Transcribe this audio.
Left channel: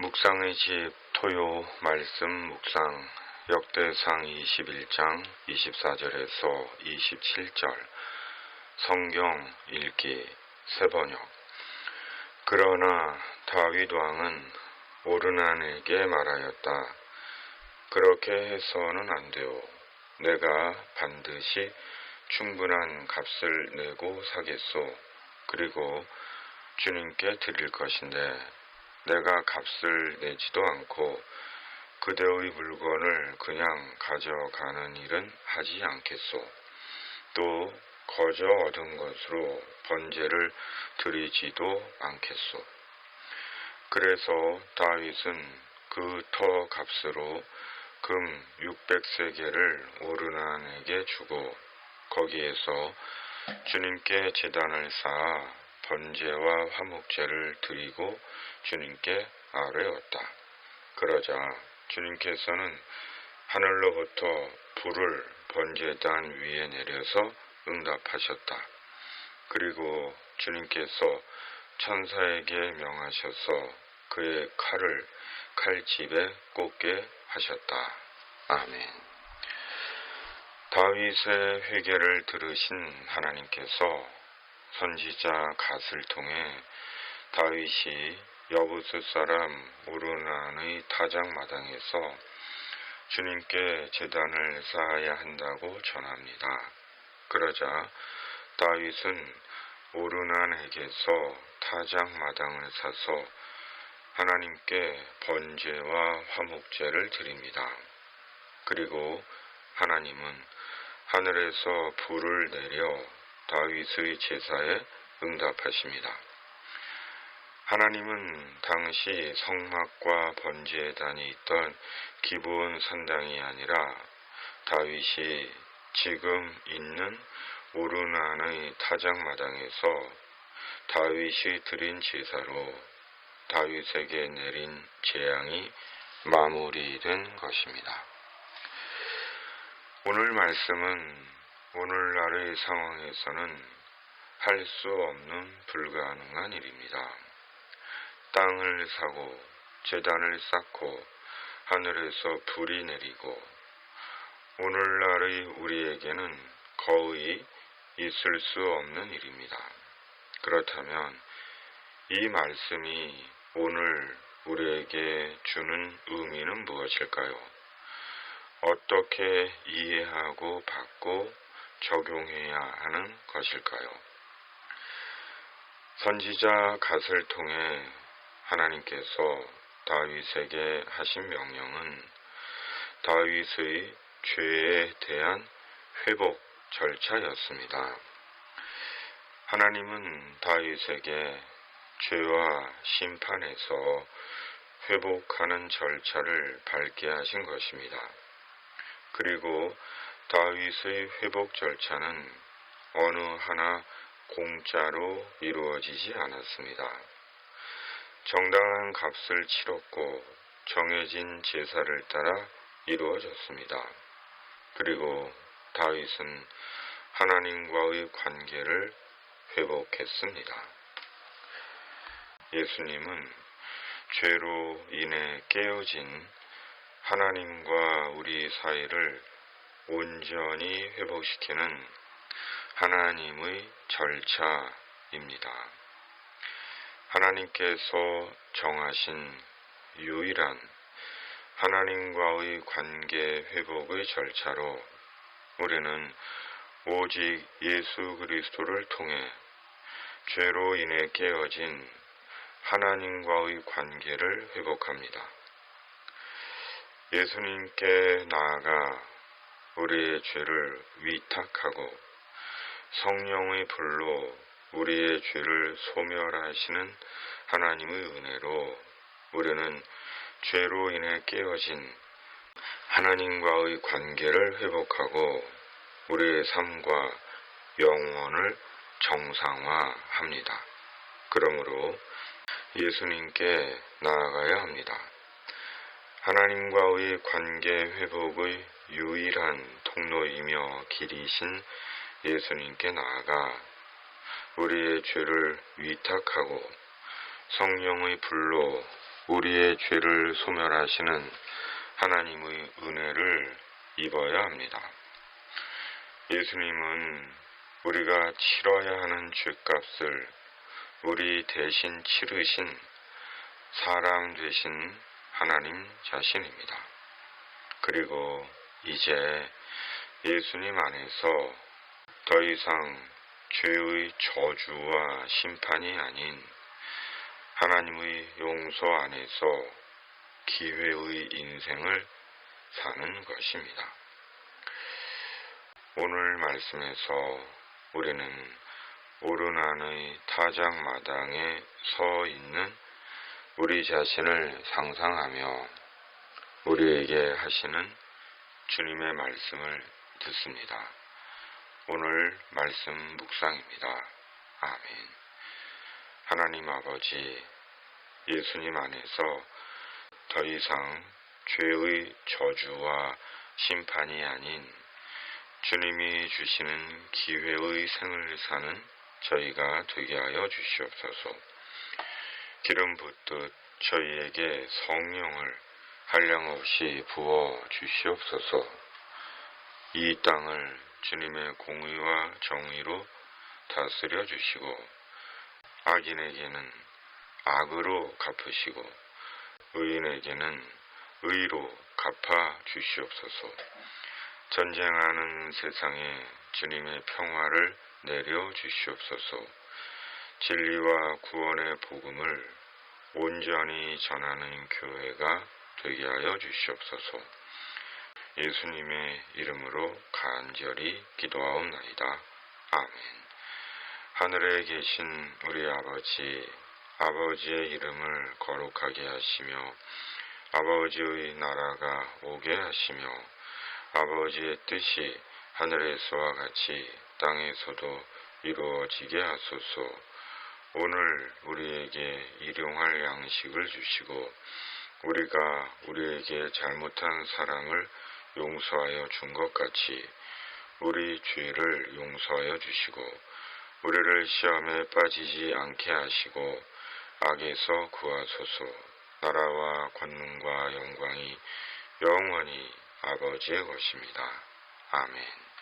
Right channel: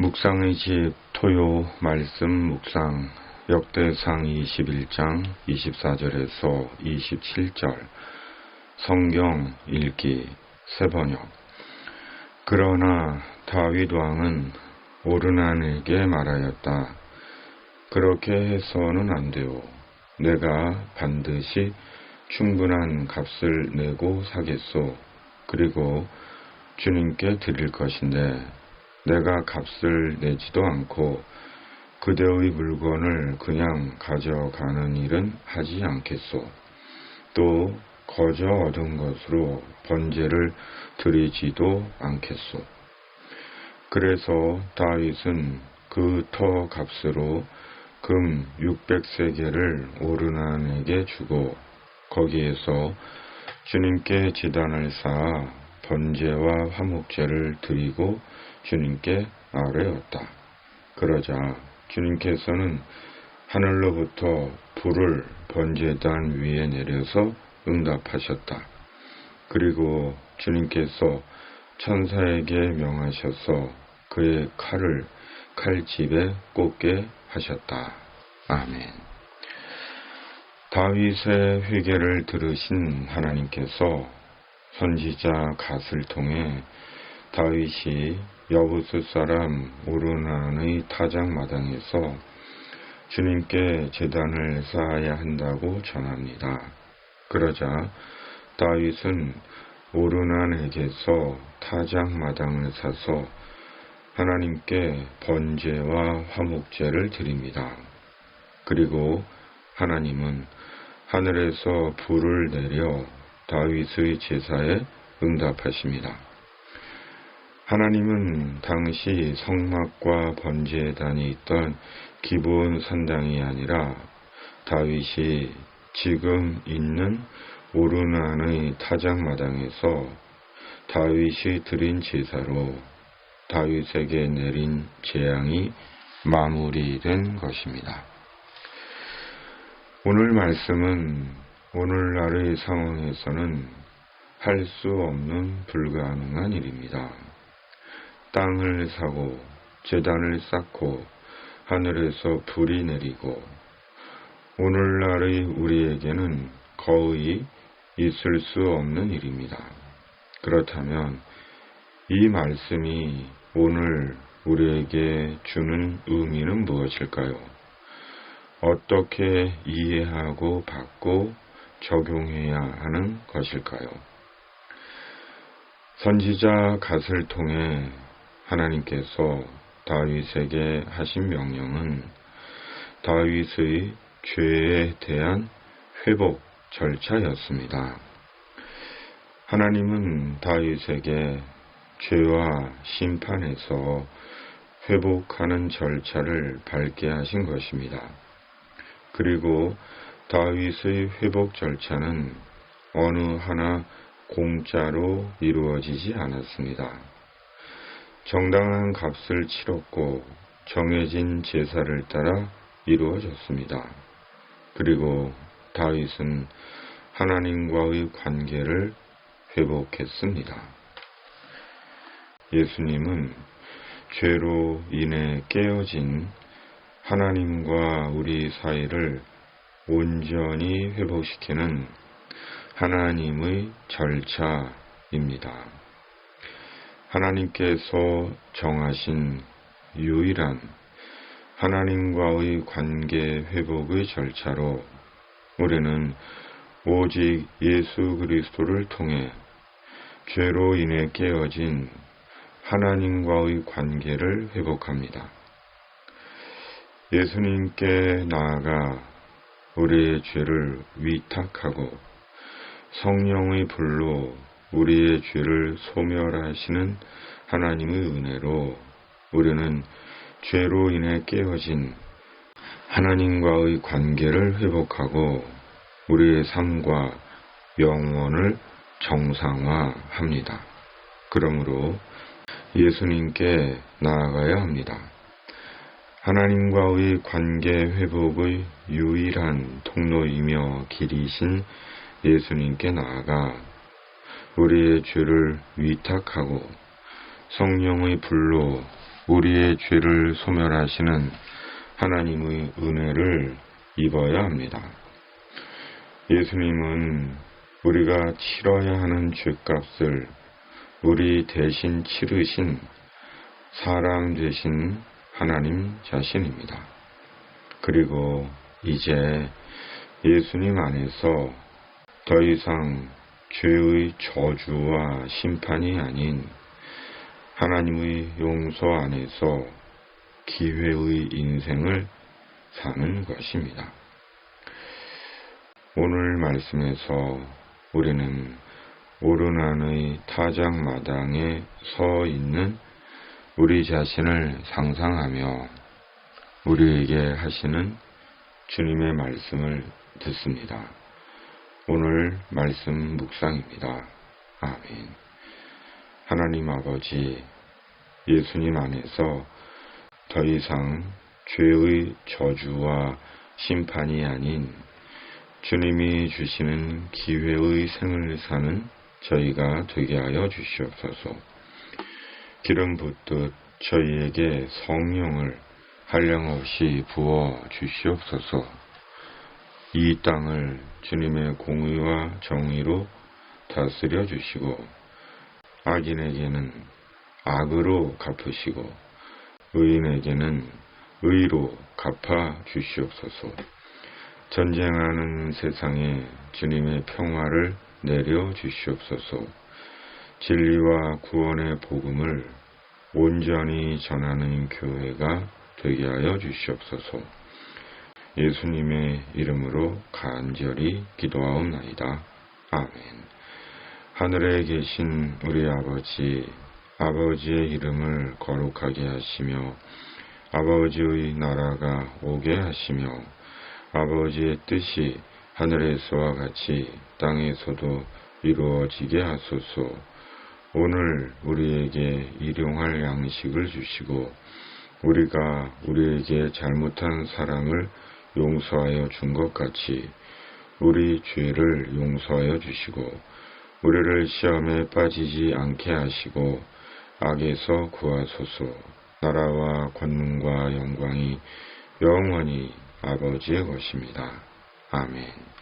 묵상의 집 토요 말씀 묵상 역대상 21장 24절에서 27절 성경 읽기 새번역. 그러나 다윗 왕은 오르난에게 말하였다. 그렇게 해서는 안 되오. 내가 반드시 충분한 값을 내고 사겠소. 그리고 주님께 드릴 것인데 내가 값을 내지도 않고 그대의 물건을 그냥 가져가는 일은 하지 않겠소. 또 거저 얻은 것으로 번제를 드리지도 않겠소. 그래서 다윗은 그 터 값으로 금 600세겔을 오르난에게 주고 거기에서 주님께 제단을 쌓아 번제와 화목제를 드리고 주님께 아뢰었다. 그러자 주님께서는 하늘로부터 불을 번제단 위에 내려서 응답하셨다. 그리고 주님께서 천사에게 명하셔서 그의 칼을 칼집에 꽂게 하셨다. 아멘. 다윗의 회개를 들으신 하나님께서 선지자 갓을 통해 다윗이 여부스 사람 오르난의 타작마당에서 주님께 제단을 쌓아야 한다고 전합니다. 그러자 다윗은 오르난에게서 타작마당을 사서 하나님께 번제와 화목제를 드립니다. 그리고 하나님은 하늘에서 불을 내려 다윗의 제사에 응답하십니다. 하나님은 당시 성막과 번제단이 있던 기브온 산당이 아니라 다윗이 지금 있는 오르난의 타작마당에서 다윗이 드린 제사로 다윗에게 내린 재앙이 마무리된 것입니다. 오늘 말씀은 오늘날의 상황에서는 할 수 없는 불가능한 일입니다. 땅을 사고 제단을 쌓고 하늘에서 불이 내리고 오늘날의 우리에게는 거의 있을 수 없는 일입니다. 그렇다면 이 말씀이 오늘 우리에게 주는 의미는 무엇일까요? 어떻게 이해하고 받고 적용해야 하는 것일까요? 선지자 갓을 통해 하나님께서 다윗에게 하신 명령은 다윗의 죄에 대한 회복 절차였습니다. 하나님은 다윗에게 죄와 심판에서 회복하는 절차를 밟게 하신 것입니다. 그리고 다윗의 회복 절차는 어느 하나 공짜로 이루어지지 않았습니다. 정당한 값을 치렀고 정해진 제사를 따라 이루어졌습니다. 그리고 다윗은 하나님과의 관계를 회복했습니다. 예수님은 죄로 인해 깨어진 하나님과 우리 사이를 온전히 회복시키는 하나님의 절차입니다. 하나님께서 정하신 유일한 하나님과의 관계 회복의 절차로 우리는 오직 예수 그리스도를 통해 죄로 인해 깨어진 하나님과의 관계를 회복합니다. 예수님께 나아가 우리의 죄를 위탁하고 성령의 불로 우리의 죄를 소멸하시는 하나님의 은혜로 우리는 죄로 인해 깨어진 하나님과의 관계를 회복하고 우리의 삶과 영혼을 정상화합니다. 그러므로 예수님께 나아가야 합니다. 하나님과의 관계 회복의 유일한 통로이며 길이신 예수님께 나아가 우리의 죄를 위탁하고 성령의 불로 우리의 죄를 소멸하시는 하나님의 은혜를 입어야 합니다. 예수님은 우리가 치러야 하는 죄값을 우리 대신 치르신 사람 되신 하나님 자신입니다. 그리고 이제 예수님 안에서 더 이상 죄의 저주와 심판이 아닌 하나님의 용서 안에서 기회의 인생을 사는 것입니다. 오늘 말씀에서 우리는 오르난의 타작마당에 서 있는 우리 자신을 상상하며 우리에게 하시는 주님의 말씀을 듣습니다. 오늘 말씀 묵상입니다. 아멘. 하나님 아버지, 예수님 안에서 더 이상 죄의 저주와 심판이 아닌 주님이 주시는 기회의 생을 사는 저희가 되게 하여 주시옵소서. 기름 붓듯 저희에게 성령을 한량없이 부어 주시옵소서. 이 땅을 주님의 공의와 정의로 다스려 주시고 악인에게는 악으로 갚으시고 의인에게는 의로 갚아 주시옵소서. 전쟁하는 세상에 주님의 평화를 내려 주시옵소서. 진리와 구원의 복음을 온전히 전하는 교회가 되게 하여 주시옵소서. 예수님의 이름으로 간절히 기도하옵나이다. 아멘. 하늘에 계신 우리 아버지, 아버지의 이름을 거룩하게 하시며 아버지의 나라가 오게 하시며 아버지의 뜻이 하늘에서와 같이 땅에서도 이루어지게 하소서. 오늘 우리에게 일용할 양식을 주시고 우리가 우리에게 잘못한 사람을 용서하여 준 것 같이 우리 죄를 용서하여 주시고 우리를 시험에 빠지지 않게 하시고 악에서 구하소서. 나라와 권능과 영광이 영원히 아버지의 것입니다. 아멘.